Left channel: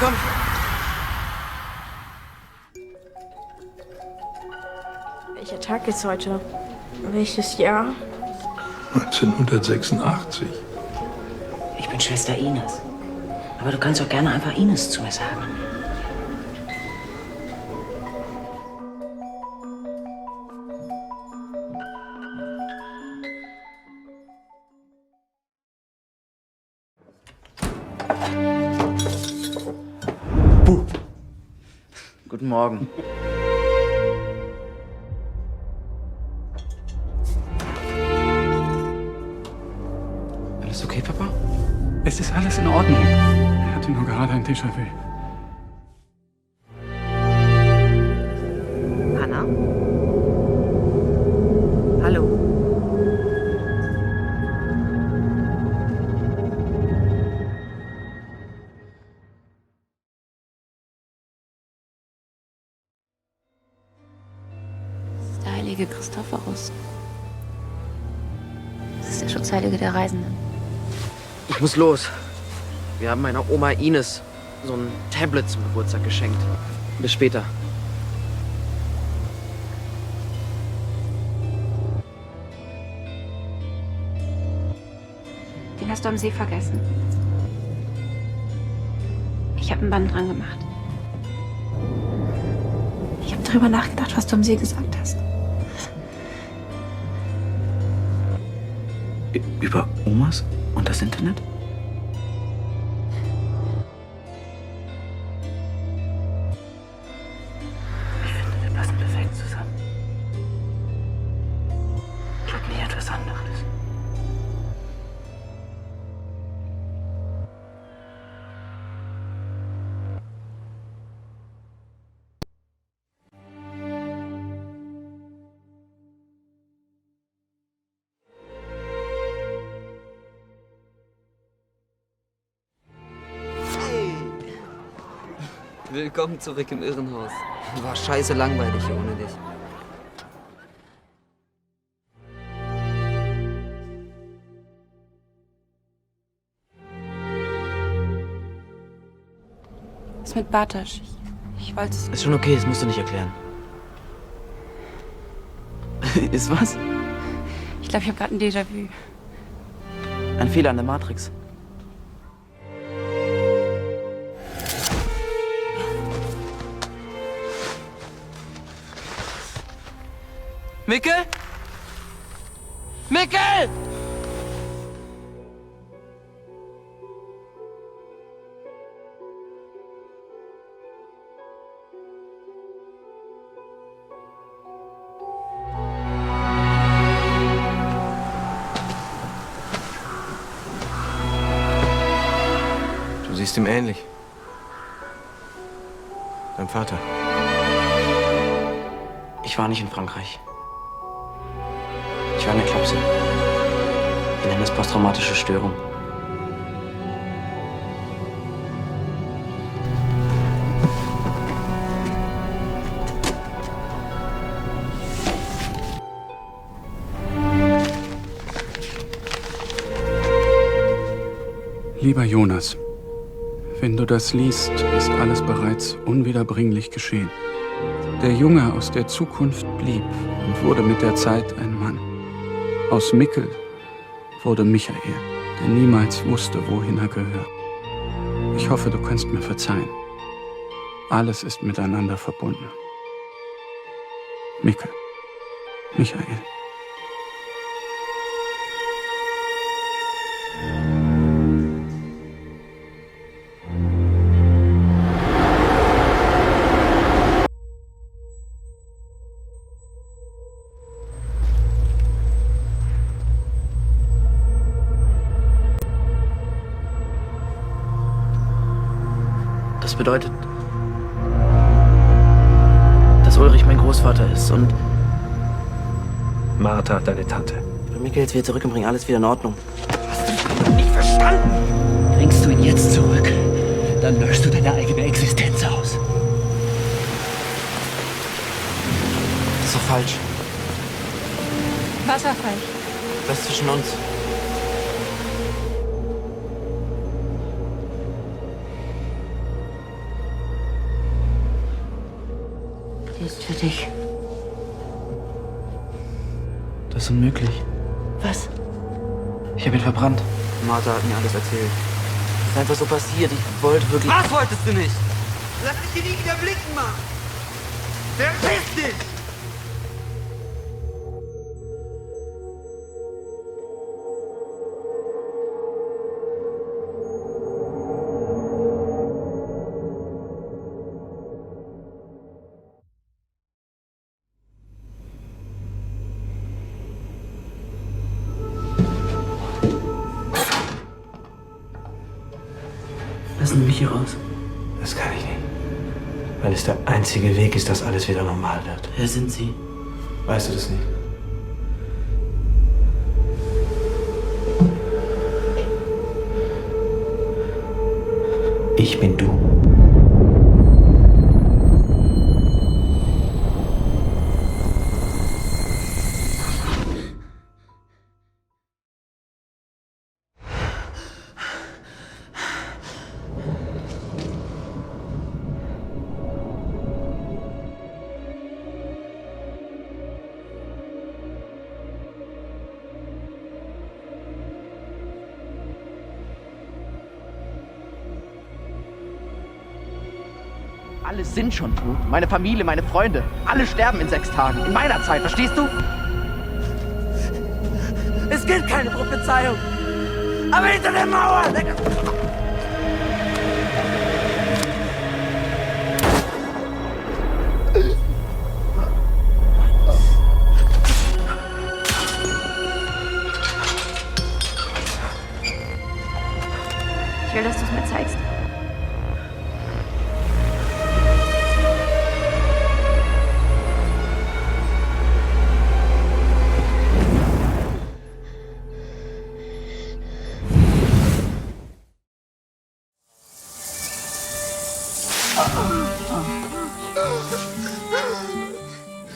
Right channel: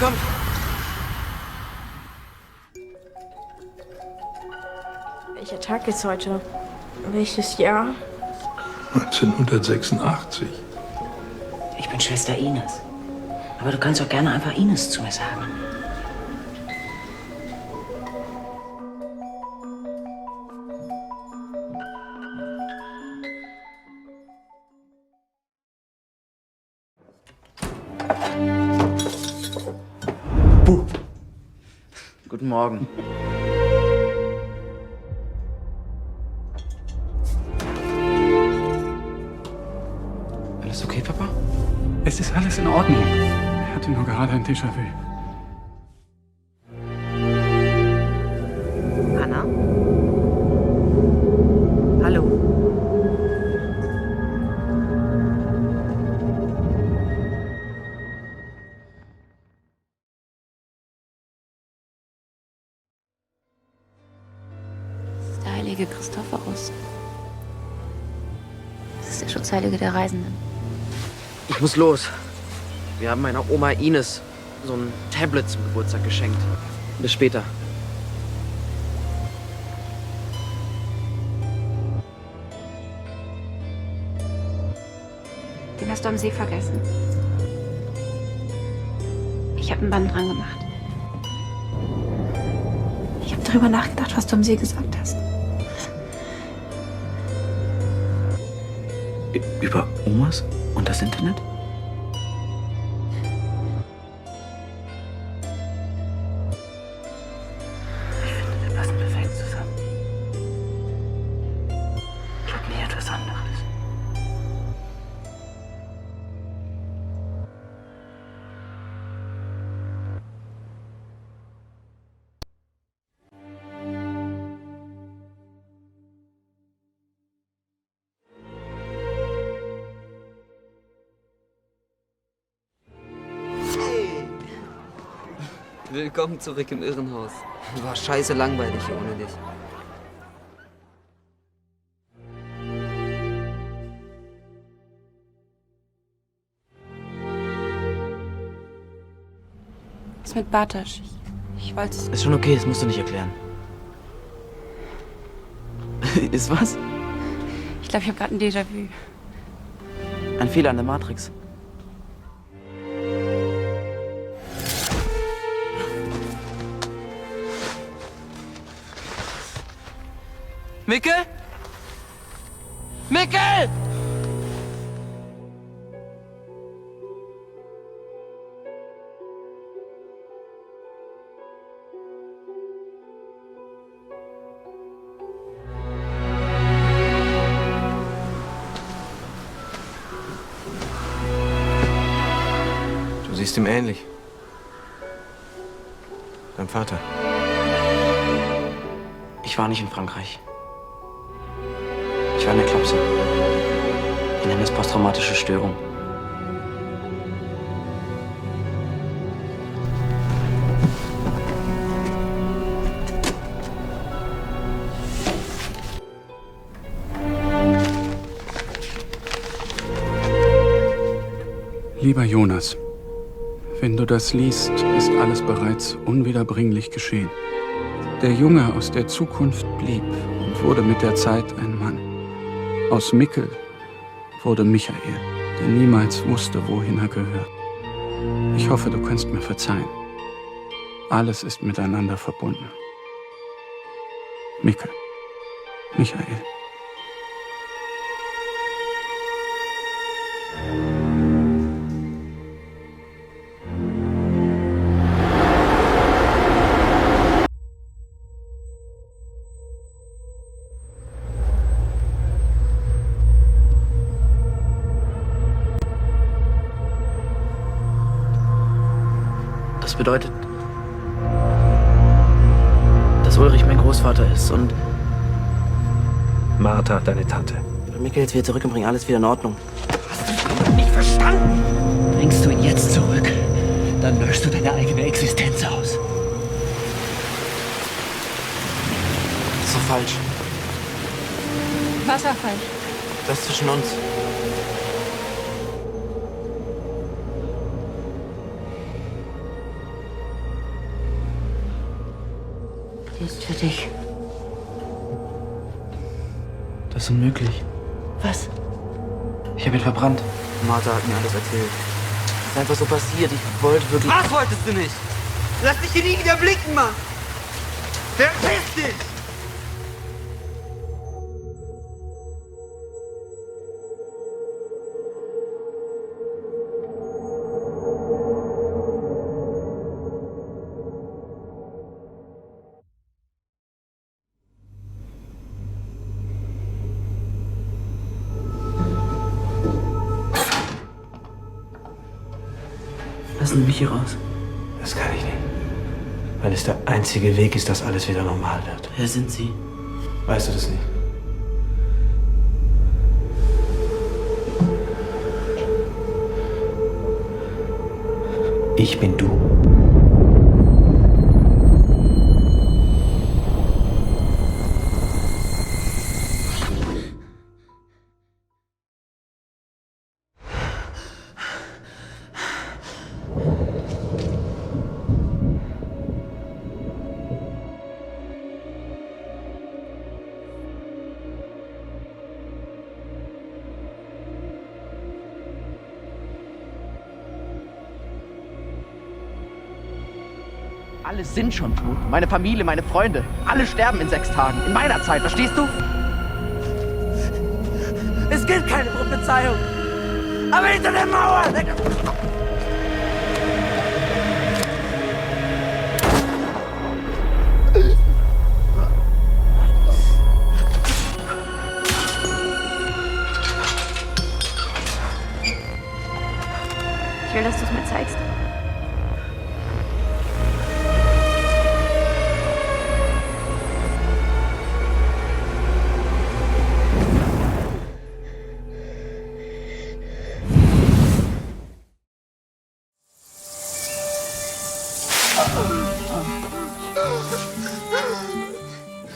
komm. Welcher Tag ist heute? Welches Jahr? 1986. Ich bin Schwester Ines. Aber du kannst doch gerne einfach Ines zu mir sagen. Guten Morgen. Alles okay, Papa? Es ist alles in Ordnung. Er hatte nur gerade ein Déjà-vu. Anna? Hallo? Das ist der heilige Christophorus. Das ist der Schutzheilige der Reisenden. Ich muss los. Wir haben meiner Oma Ines so ein Tablet zum Geburtstag geschenkt. Bis später. Den hast du am See vergessen. Ich habe ein Band dran gemacht. Ich habe darüber nachgedacht, was du am See gesagt hast. Über Omas und das Internet? Ich finde, wir passen perfekt zusammen. Gib mir etwas anderes. Willkommen zurück im Irrenhaus. War scheiße langweilig hier ohne dich. Was mit Bartosz? Ich wollte es. Ist schon okay, das musst du nicht erklären. Ist was? Ich glaube, ich habe gerade ein Déjà-vu. Ein Fehler an der Matrix. Mikkel? Mikkel! Du siehst ihm ähnlich. Dein Vater. Ich war nicht in Frankreich. Ich war in der Klapse. Wir nennen es posttraumatische Störung. Lieber Jonas, wenn du das liest, ist alles bereits unwiederbringlich geschehen. Der Junge aus der Zukunft blieb und wurde mit der Zeit ein Mann. Aus Mikkel wurde Michael, der niemals wusste, wohin er gehört. Ich hoffe, du kannst mir verzeihen. Alles ist miteinander verbunden. Mikkel, Michael. Das bedeutet, dass Ulrich mein Großvater ist und Martha, deine Tante. ich bring Mikkel jetzt wieder zurück und bring alles wieder in Ordnung. Hast du nicht verstanden? Bringst du ihn jetzt zurück, dann löschst du deine eigene Existenz aus. Das ist doch falsch. Was war falsch? Das zwischen uns. Die ist für dich. Das ist unmöglich. Was? Ich habe ihn verbrannt. Martha hat mir alles erzählt. Das ist einfach so passiert. Ich wollte wirklich... Was wolltest du nicht? Lass dich hier nie wieder blicken, Mann! Verpiss dich! Lassen Sie mich hier raus. Das kann ich nicht. Weil es der einzige Weg ist, dass alles wieder normal wird. Wer sind Sie? Weißt du das nicht? Ich bin du. Alle sind schon tot. Meine Familie, meine Freunde. Alle sterben in 6 Tagen. In meiner Zeit, verstehst du? Es gibt keine Prophezeiung! Aber hinter der Mauer! Ich will, dass du es mir zeigst.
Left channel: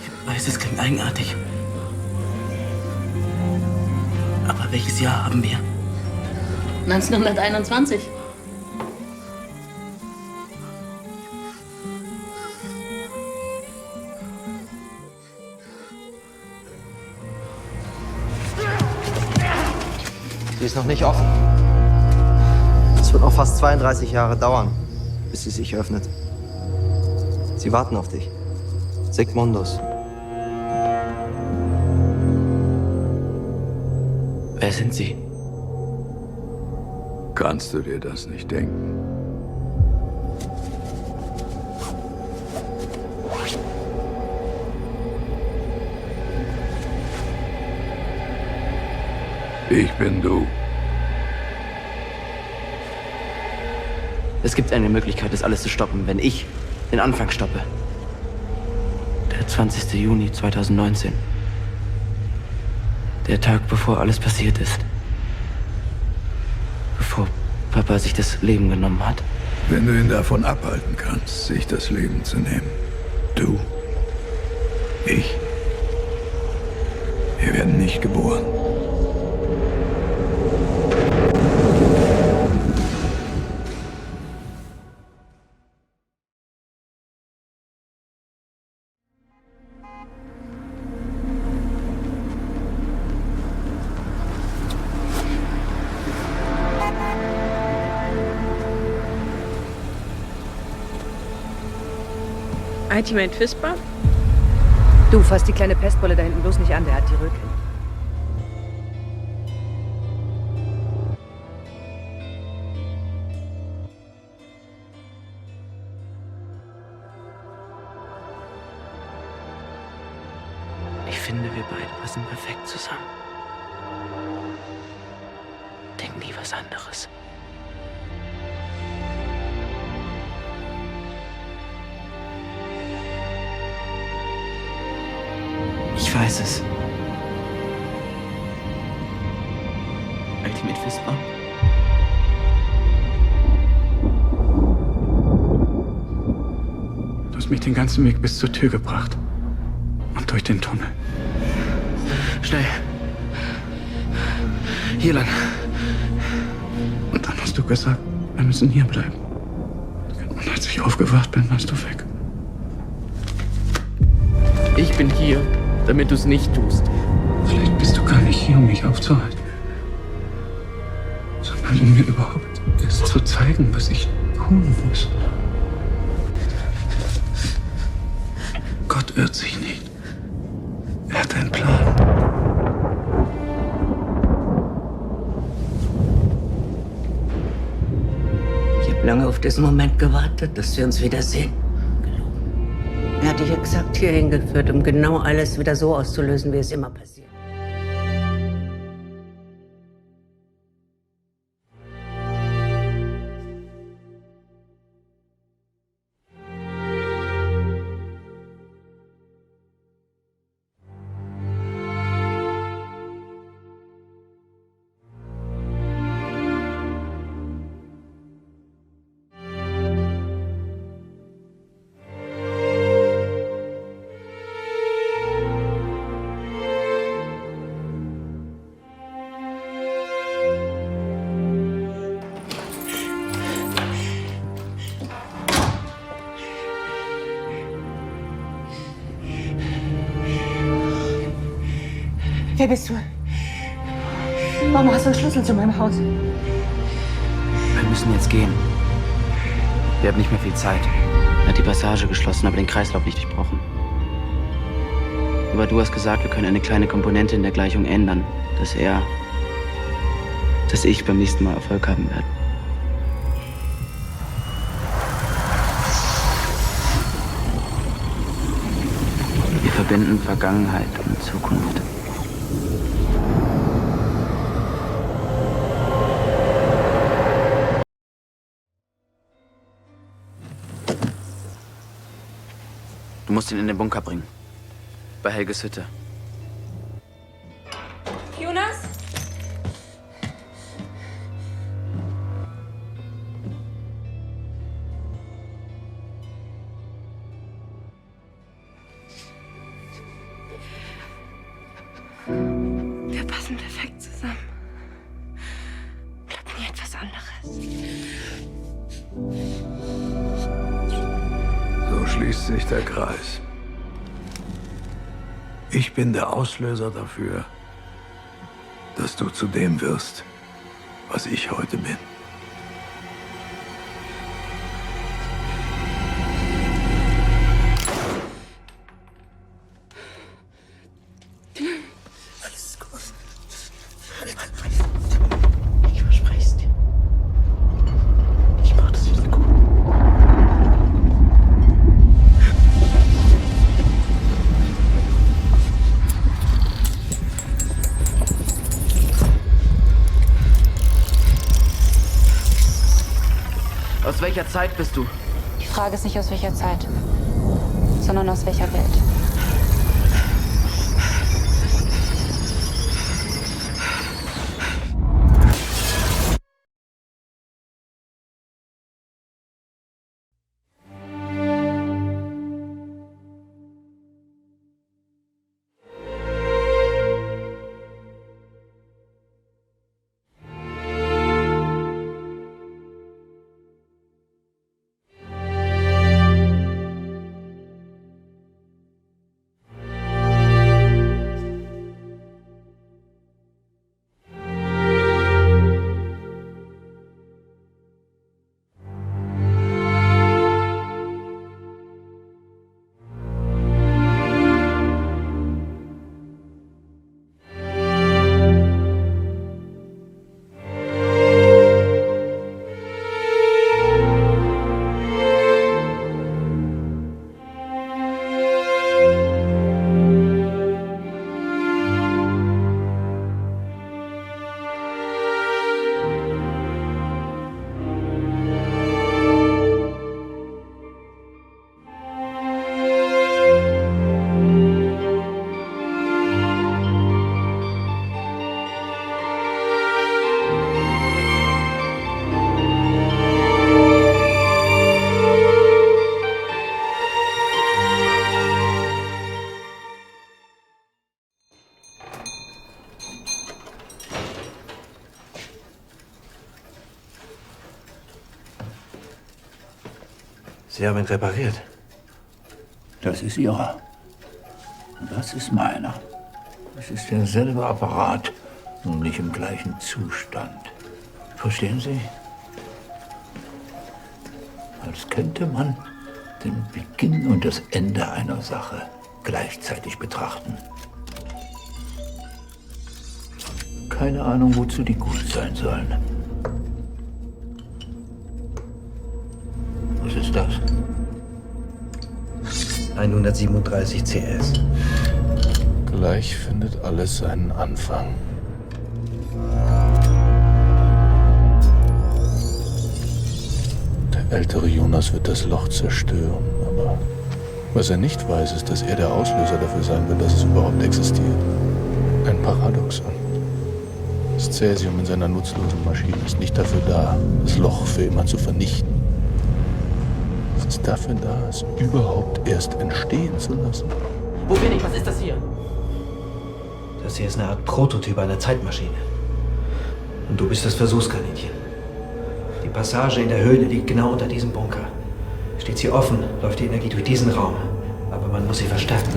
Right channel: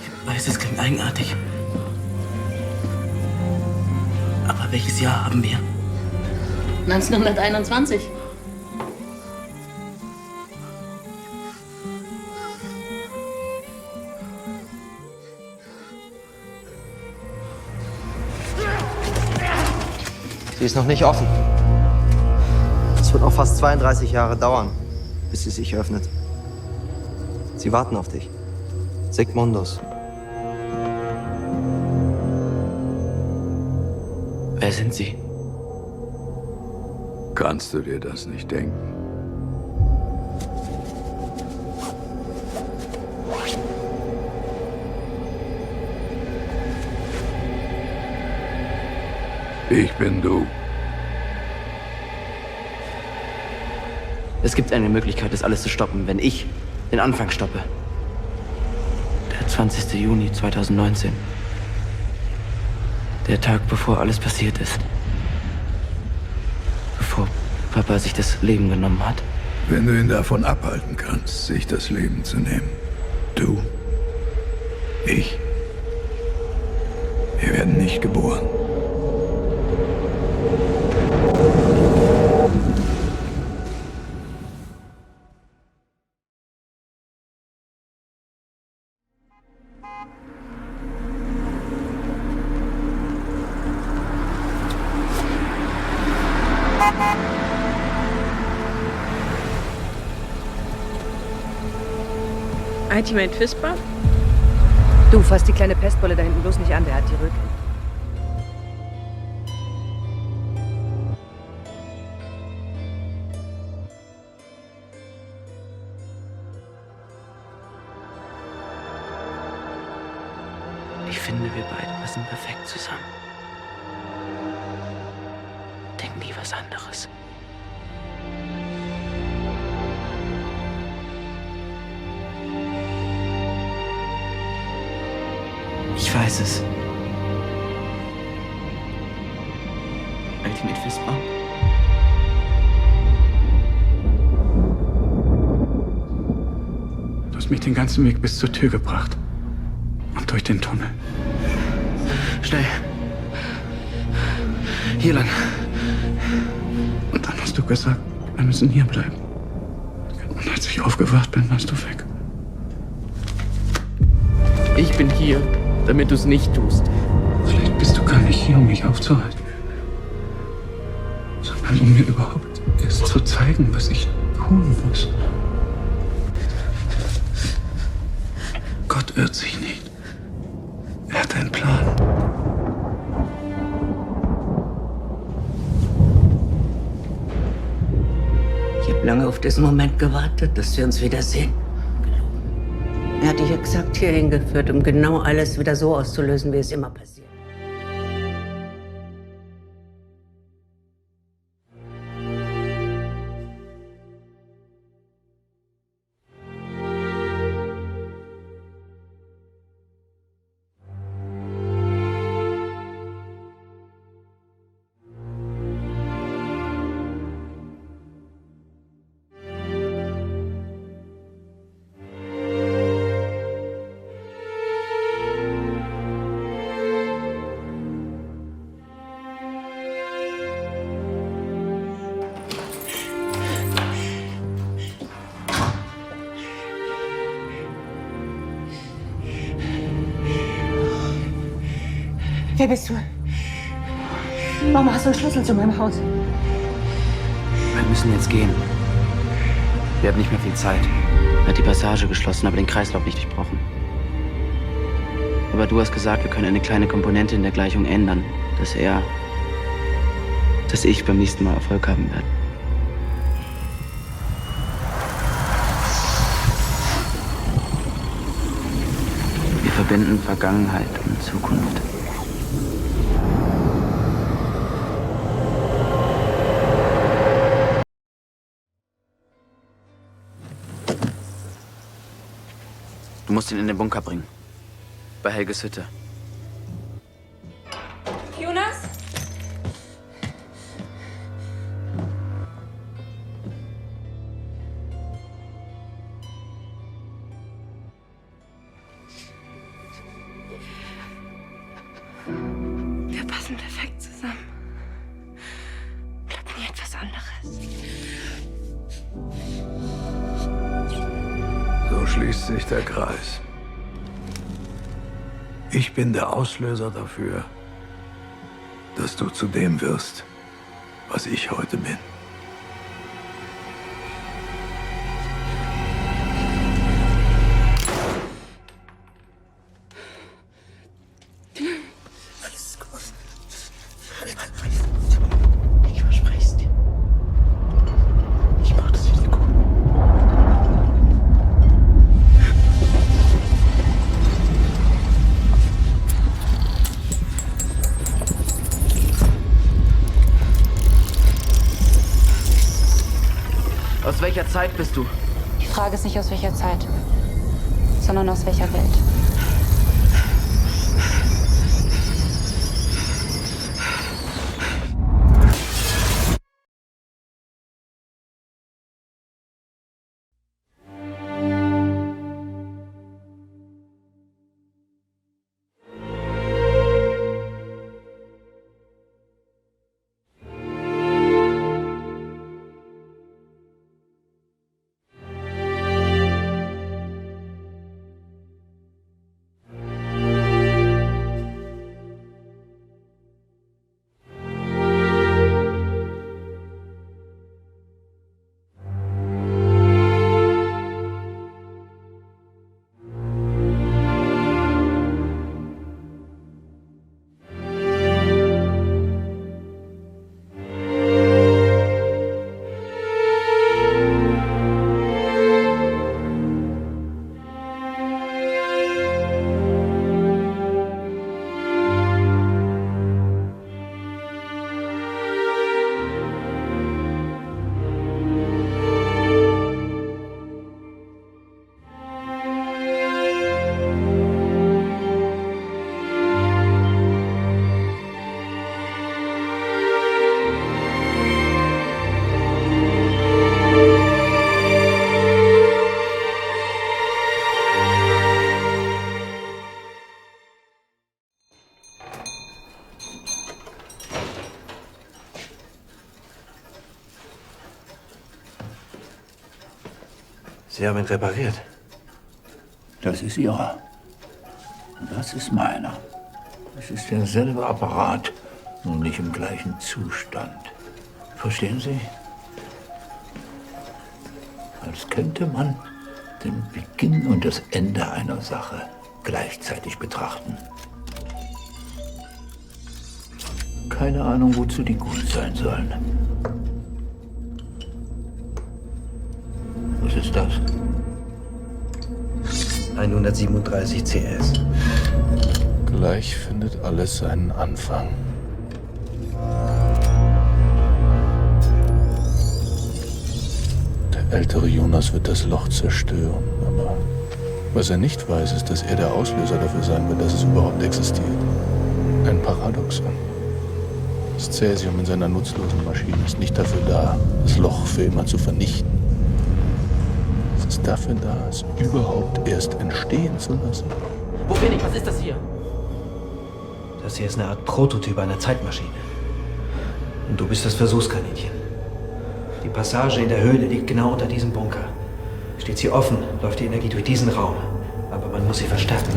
Ich weiß, es klingt eigenartig. Aber welches Jahr haben wir? 1921. Sie ist noch nicht offen. Es wird noch fast 32 Jahre dauern, bis sie sich öffnet. Sie warten auf dich. Sigmundus. Wer sind Sie? Kannst du dir das nicht denken? Ich bin du. Es gibt eine Möglichkeit, das alles zu stoppen, wenn ich den Anfang stoppe. Der 20. Juni 2019. Der Tag, bevor alles passiert ist. Bevor Papa sich das Leben genommen hat. Wenn du ihn davon abhalten kannst, sich das Leben zu nehmen. Du. Ich. Wir werden nicht geboren. Ultimate Fisper? Du, fass die kleine Pestbolle da hinten bloß nicht an, der hat die Rücken. Ich finde, wir beide passen perfekt zusammen. Denk nie was anderes. Ich weiß es. Ultimate Fisper? Du hast mich den ganzen Weg bis zur Tür gebracht. Und durch den Tunnel. Schnell. Hier lang. Und dann hast du gesagt, wir müssen hier bleiben. Und als ich aufgewacht bin, warst du weg. Ich bin hier, damit du es nicht tust. Vielleicht bist du gar nicht hier, um mich aufzuhalten, sondern um mir überhaupt erst zu zeigen, was ich tun muss. Gott irrt sich nicht. Er hat einen Plan. Ich habe lange auf diesen Moment gewartet, dass wir uns wiedersehen. Er hat dich exakt hierhin geführt, um genau alles wieder so auszulösen, wie es immer passiert. Wer bist du? Warum hast du einen Schlüssel zu meinem Haus? Wir müssen jetzt gehen. Wir haben nicht mehr viel Zeit. Er hat die Passage geschlossen, aber den Kreislauf nicht durchbrochen. Aber du hast gesagt, wir können eine kleine Komponente in der Gleichung ändern, dass ich beim nächsten Mal Erfolg haben werde. Wir verbinden Vergangenheit und Zukunft. Du musst ihn in den Bunker bringen. Bei Helges Hütte. Jonas? Wir passen perfekt zusammen. Bleibt nie etwas anderes. So schließt sich der Kreis. Ich bin der Auslöser dafür, dass du zu dem wirst, was ich heute bin. Alles gut. Ich verspreche es dir. Ich mach das wieder gut. Aus welcher Zeit bist du? Die Frage ist nicht aus welcher Zeit, sondern aus welcher Welt. Sie haben ihn repariert. Das ist ihrer. Das ist meiner. Es ist derselbe Apparat, nur nicht im gleichen Zustand. Verstehen Sie? Als könnte man den Beginn und das Ende einer Sache gleichzeitig betrachten. Keine Ahnung, wozu die gut sein sollen. Was ist das? 137 CS. Gleich findet alles seinen Anfang. Der ältere Jonas wird das Loch zerstören, aber was er nicht weiß, ist, dass er der Auslöser dafür sein wird, dass es überhaupt existiert. Ein Paradoxon. Das Cäsium in seiner nutzlosen Maschine ist nicht dafür da, das Loch für immer zu vernichten. Es ist dafür da, es überhaupt erst entstehen zu lassen. Wo bin ich? Was ist das hier? Das hier ist eine Art Prototyp einer Zeitmaschine. Und du bist das Versuchskaninchen. Die Passage in der Höhle liegt genau unter diesem Bunker. Steht sie offen, läuft die Energie durch diesen Raum. Aber man muss sie verstärken.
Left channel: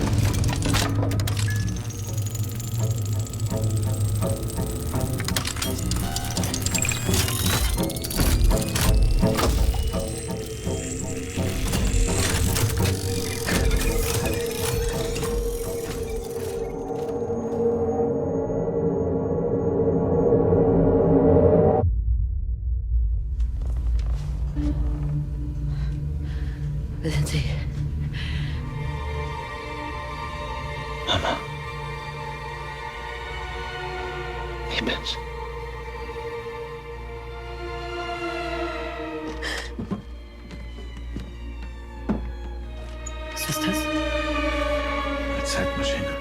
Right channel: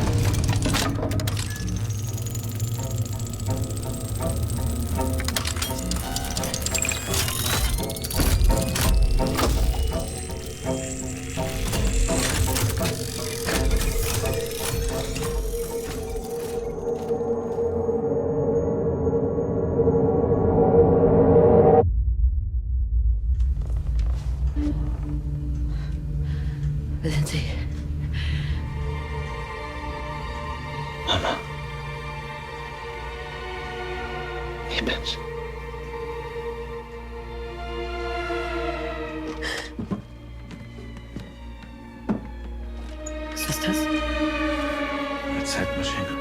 Wer sind Sie? Mama. Ich bin's. Was ist das? Eine Zeitmaschine.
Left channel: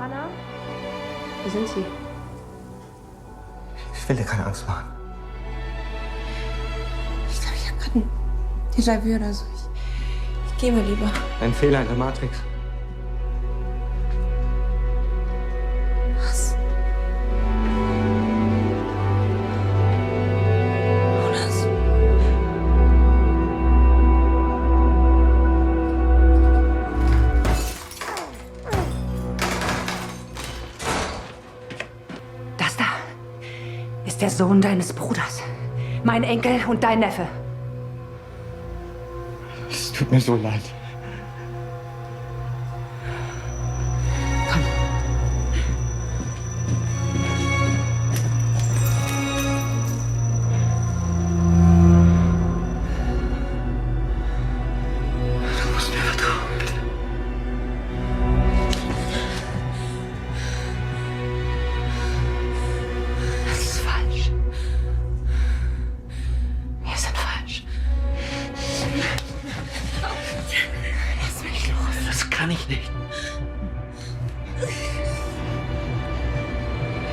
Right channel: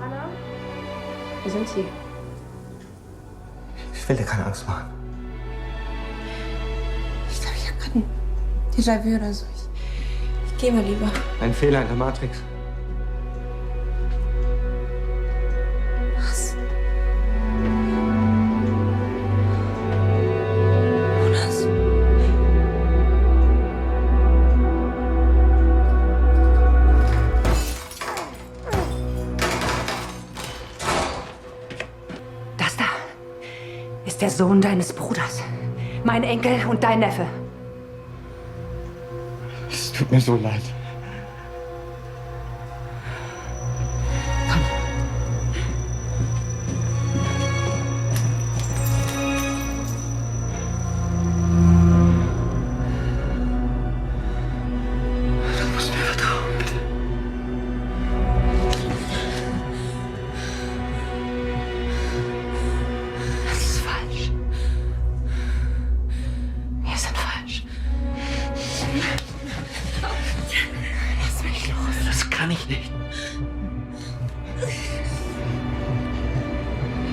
Hanna? Wo sind Sie? Ich will dir keine Angst machen. Ich glaube, ich habe gerade ein Déjà-vu oder so. Ich gehe mal lieber. Ein Fehler in der Matrix. Was? Jonas? Das da ist der Sohn deines Bruders. Mein Enkel und dein Neffe. Es tut mir so leid. Komm. Du musst mir vertrauen, bitte. Das ist falsch. Wir sind falsch. Lass mich los. Das kann ich nicht.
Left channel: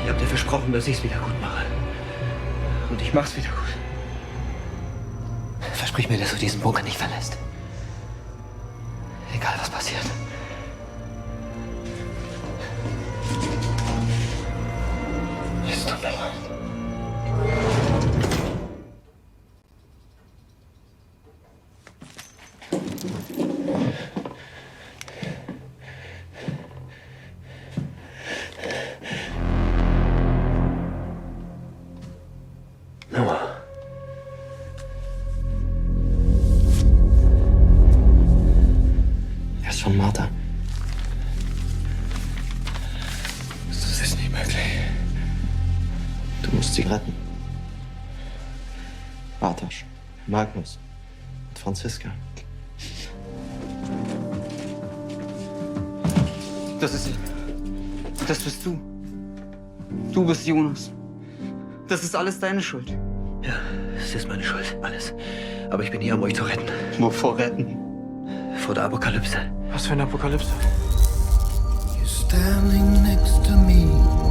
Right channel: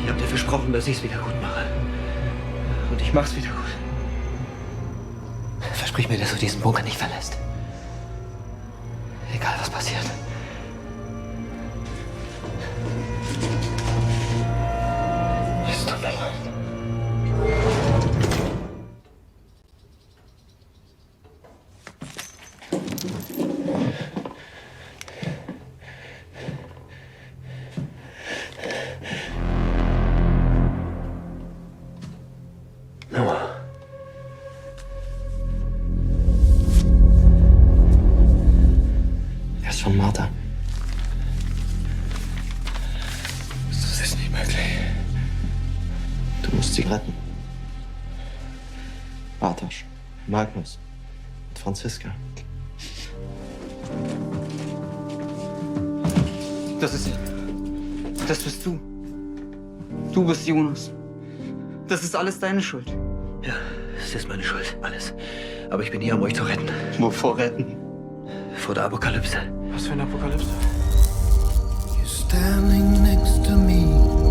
Ich hab dir versprochen, dass ich's wieder gut mache. Und ich mach's wieder gut. Versprich mir, dass du diesen Bunker nicht verlässt. Egal, was passiert. Es tut mir leid. Noah. Er ist von Martha. Das ist nicht möglich. Du musst sie retten. Bartosz, Magnus und Franziska. Das ist... Das bist du. Du bist Jonas. Das ist alles deine Schuld. Ja, es ist meine Schuld, alles. Aber ich bin hier, um euch zu retten. Wovor retten? Vor der Apokalypse. Was für eine Apokalypse? Standing next to me.